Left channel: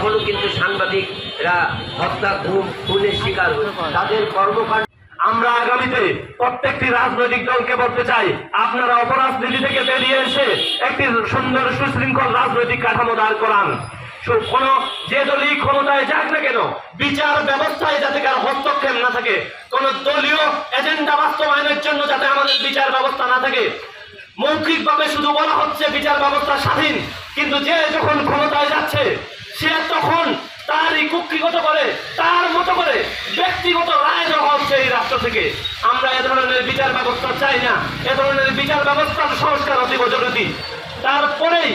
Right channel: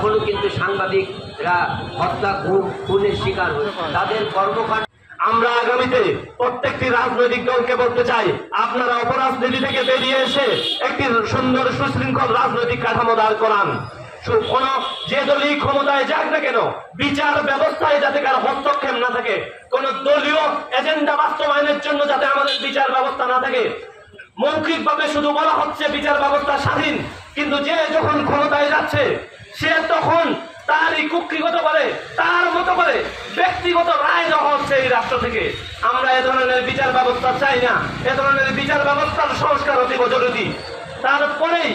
এখনো কিন্তু সাংবাদিকরা হত্যা খুনের শিকার। তাদের কর্মকাণ্ড আমরা আগামীতে প্রত্যেকটি রাজনৈতিক দলকে বলতে চাই, আপনারা অপরাজনীতি থেকে বেরিয়ে এসে একটি সুন্দর সুশৃঙ্খল রাজনৈতিক কাঠামো দাঁড় করান। কোন যে দলই ক্ষমতায় যাক না কেন, বিচার ব্যবস্থায় যাতে কারো হস্তক্ষেপ না থাকে, কোন দলীয় এজেন্ডা বাস্তবায়নের জন্য যাতে আমাদের বিচার ব্যবস্থা না থাকে। মৌখিকভাবে শুধু বলা হচ্ছে বিচার ব্যবস্থা স্বাধীন, কিন্তু যে যখন ক্ষমতায় যাচ্ছে সে তখন তারই কুক্ষিগত করে তার মতো করে ব্যক্তিগত রায় দেওয়া হচ্ছে এই রাষ্ট্র থেকে। আমরা এ ধরনের বিচার ব্যবস্থা চাই না। এ ধরনের বিচার ব্যবস্থার সংস্কার অতীব জরুরি। তারপরেই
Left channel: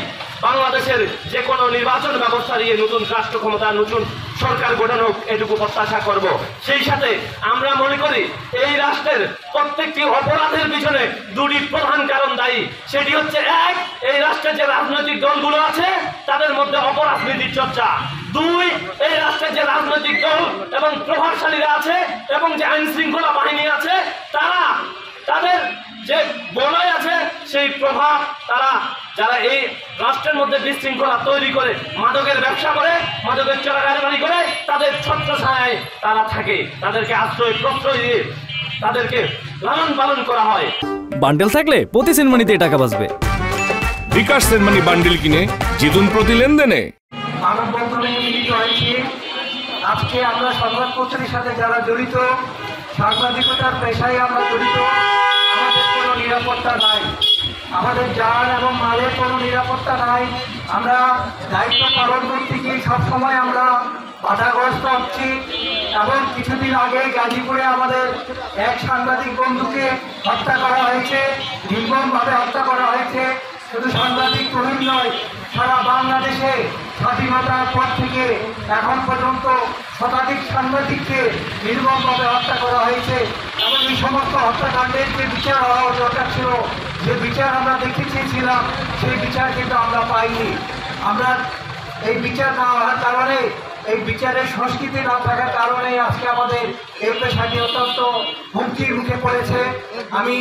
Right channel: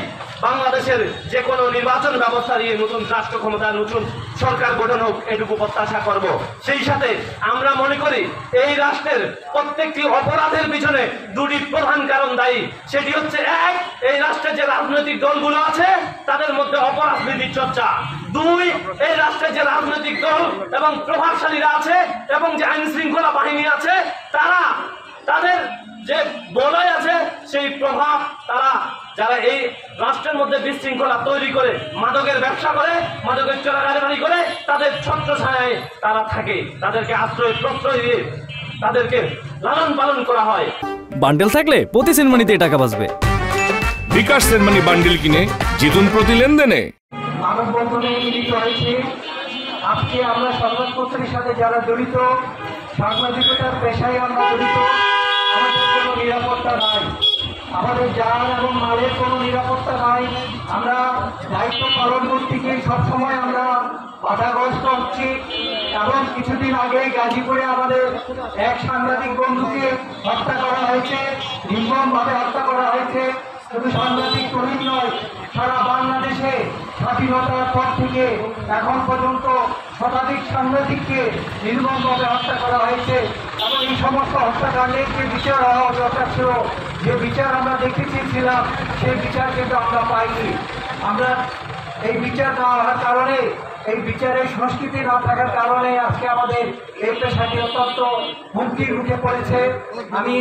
বাংলাদেশের যে কোনো নির্বাচন ব্যবস্থা নিয়ে নতুন রাষ্ট্র ক্ষমতা, নতুন সরকার গঠন হোক, এটুকু প্রত্যাশা করব। সেই সাথে আমরা মনে করি এই রাষ্ট্রের প্রত্যেকটি অপরাধের পিছনে দুটি প্রধান কারণ দায়ী। সেটি হচ্ছে, এক, এই রাষ্ট্রের যে রাজনৈতিক দলগুলো আছে তাদের মধ্যে অপরাজনীতির চর্চা। দুই, এই রাষ্ট্রের যে রাজনৈতিক দল এবং প্রভাবশালীরা আছে এবং যে আইন শৃঙ্খলা বাহিনী আছে, তাদের যে বলয় আছে সেই প্রভাব, যারা এই রাষ্ট্রের মধ্যে বিশৃঙ্খলা তৈরি করে, মাদকের ব্যবসা করে, মাদকের চোরাকারবারি করে, তাদের ছত্রছায়ায় তারা থাকে। তাদেরকে আশ্রয় প্রশ্রয় দিয়ে তাদেরকে লালন পালন করা হয়। বান্ডেল থাকলে প্রতি সেনমানিতে টাকা বাঁচবে। বিকাশ সেনমানি বান্ডেল কিনে জিতুন প্রতি লেনদেনে। মানববন্ধনে মিলিত হয়েছে। আজকে আমরা সংবাদপত্রের সাথে যারা জড়িত, সাংবাদিকতার পেশায় আমরা জড়িত, আমাদের কোনো নিরাপত্তা নাই, আমাদের জান এবং মালের কোনো নিরাপত্তা নাই। আমরা দায়িত্ব পালন করতে গিয়ে সবসময় আমরা বাধাগ্রস্ত হচ্ছি। এবং কিছুদিন আগে গাজীপুরে আমাদের এক সাংবাদিক বন্ধুকে হত্যা করা হয়েছে, নির্মমভাবে হত্যা করা হয়েছে। শুধু সাংবাদিক তরুণ নয়, সারা বাংলাদেশে স্বাধীনতার পর থেকে এখন পর্যন্ত শতাধিক সাংবাদিককে নির্মমভাবে হত্যা করা হয়েছে। এবং এই সমস্ত হত্যাকাণ্ডের যে বিচার হওয়া দরকার ছিল, যে বিচার আমরা দেখতে চেয়েছিলাম, সেই বিচার কিন্তু আমরা পাইনি। আমরা এই বিচার না হওয়ার কারণে, এই বিচারের সংস্কৃতি না থাকার কারণে আজকে আমাদের এই পেশাটি অত্যন্ত হুমকির মুখে পড়েছে। আমি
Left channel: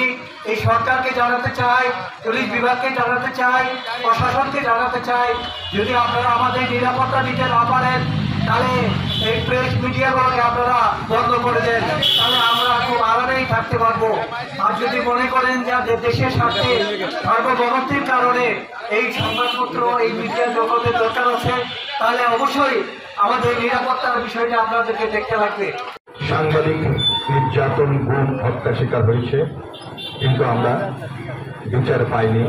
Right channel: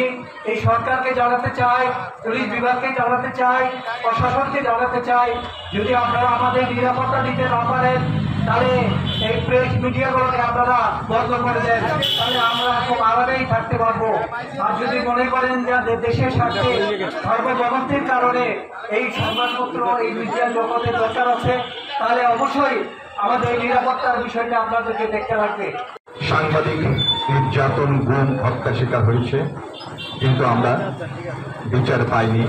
এই সরকারকে জানাতে চাই, পুলিশ বিভাগকে জানাতে চাই, প্রশাসনকে জানাতে চাই, যদি আপনারা আমাদের নিরাপত্তা দিতে না পারেন তাহলে এই প্রেস মিডিয়াগুলোকে আপনারা বন্ধ করে দেন, তাহলে আমরা খুব আরামেই থাকতে পারবো। আর যদি মনে করেন যে দেশের স্বার্থে সার্বভৌমত্বের কারণে এই সংবাদপত্র, এই মিডিয়া জগতের দরকার আছে, তাহলে অবশ্যই আমাদের নিরাপত্তার বিষয়টা আপনাদেরকে দেখতে লাগবে। সাংবাদিক নির্যাতন, গুম, হত্যা শিকার হয়েছে, কিন্তু আমরা বিচার পাইনি।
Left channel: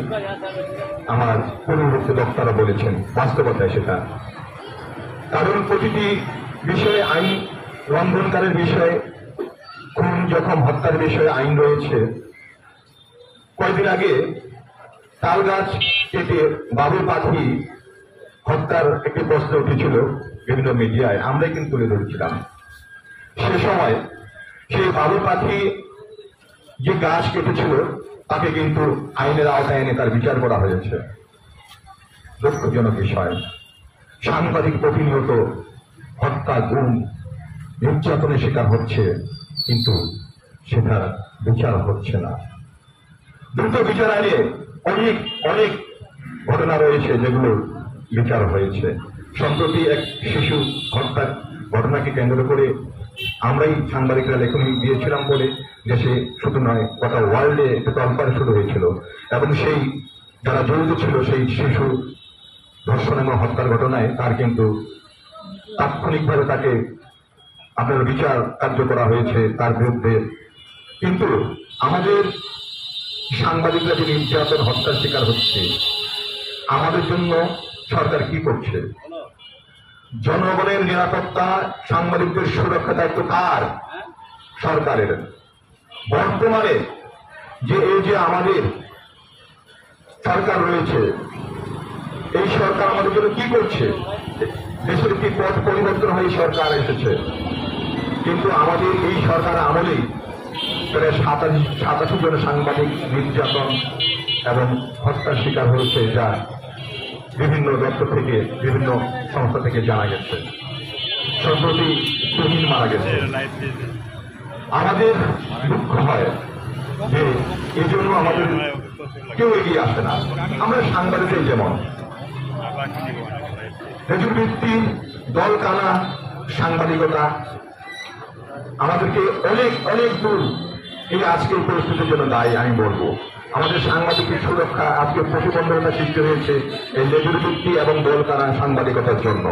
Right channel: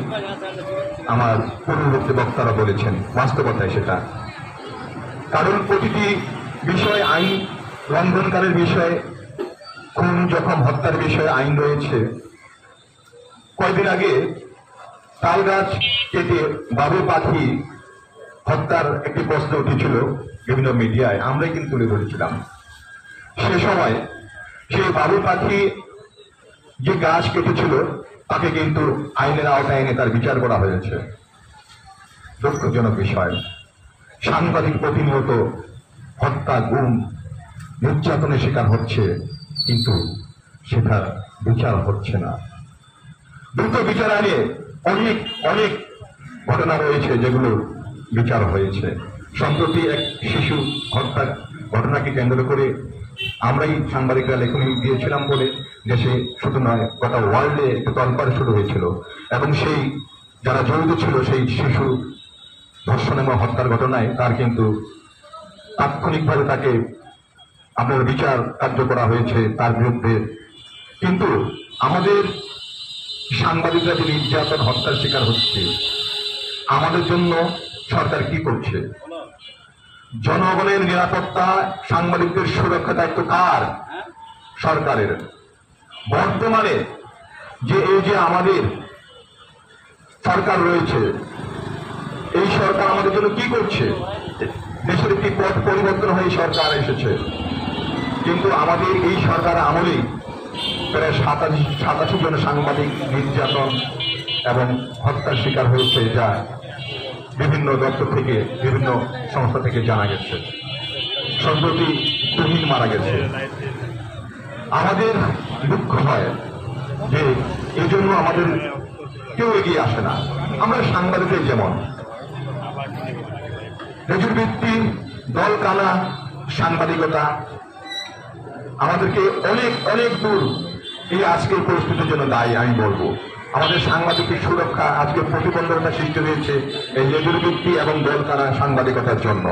আমার পূর্ববর্তী বক্তারা বলেছেন বাস্তবতায় সেটা। কারণ প্রতিটি বিষয় আইন লঙ্ঘনকারীর বিষয়, খুন, জখম, হত্যার বিষয়ে আইন রয়েছে। কয়েকদিন আগে তাল গাছ কেটে বাবু পাখি হত্যার একটি প্রশ্ন উঠেছিল বিভিন্ন মিডিয়ায়, আমরাই কিন্তু তুলে ধরেছিলাম। সে সময় সেই বাবু পাখি যে গাছ কেটেছিল তাকে কিন্তু আইনের আওতায় এনে তার বিচার করা হয়েছে। দুঃখজনক বিষয়, সাংবাদিক প্রতিনিয়ত হত্যা, গুম, নির্যাতনের শিকার হচ্ছে, কিন্তু সেটার বিচার হচ্ছে না। দ্রুত বিচার আইনে অনেক অনেক ঘটনা রয়েছে যেগুলো বিচার হয়েছে। সম্প্রতি এক শিশু হত্যার ঘটনাকে কেন্দ্র করে আমরাই সাংবাদিকরা লেখনী দিয়েছিলাম বলে দেশে শুধু নয় গোটা ওয়ার্ল্ডে একটা তল্পাড়ি শুরু হয়েছিল, এবং সেই যারা জড়িত ছিল সেই শিশু ধর্ষণ এবং হত্যার ঘটনায় তার কিন্তু তাৎক্ষণিকভাবে তাকে আপনার বিচার কার্য করা হয়েছে তার বিরুদ্ধে। কিন্তু আমাদের সাংবাদিকরা যে নির্যাতন, হত্যার শিকার হচ্ছে, আমাদের জন্য সরকার কি করছে? জনগণের নিরাপত্তা, সাংবাদিকদের সুরক্ষা দায়িত্ব কার? সরকারের। বর্তমানে এই যে আমাদের সরকার রয়েছে, এই সরকার আমাদের জন্য কি করছে? দেশের একটি পথ পরিবর্তন হয়ে সরকার এসেছে, কিন্তু আমাদের এই সরকার আমলেই প্রায় 87 জন সাংবাদিক নির্যাতন এবং হত্যার শিকার হয়েছে, যা বিভিন্ন দপ্তর থেকে, বিভিন্ন সংস্থা থেকে জানা গেছে। সম্প্রতি তুহিন মারা গেছে। আমাদের দুঃখ হয় যে এজন্য আমাদের কেউ এগিয়ে আসে না। আমরা সাংবাদিকদের যেমন ন্যায্য ভিত্তি দল কানা সাংবাদিকতা আমাদেরকে অনেক অনেক দূর এই আজকের পরিস্থিতির জন্য দায়ী আমি বলবো। আমাদের সাংবাদিকের সুরক্ষা আজকে প্রতিবন্ধকতা সৃষ্টি হয়েছে এই লেজুর চুক্তি এবং দল কানা সাংবাদিকতার জন্য।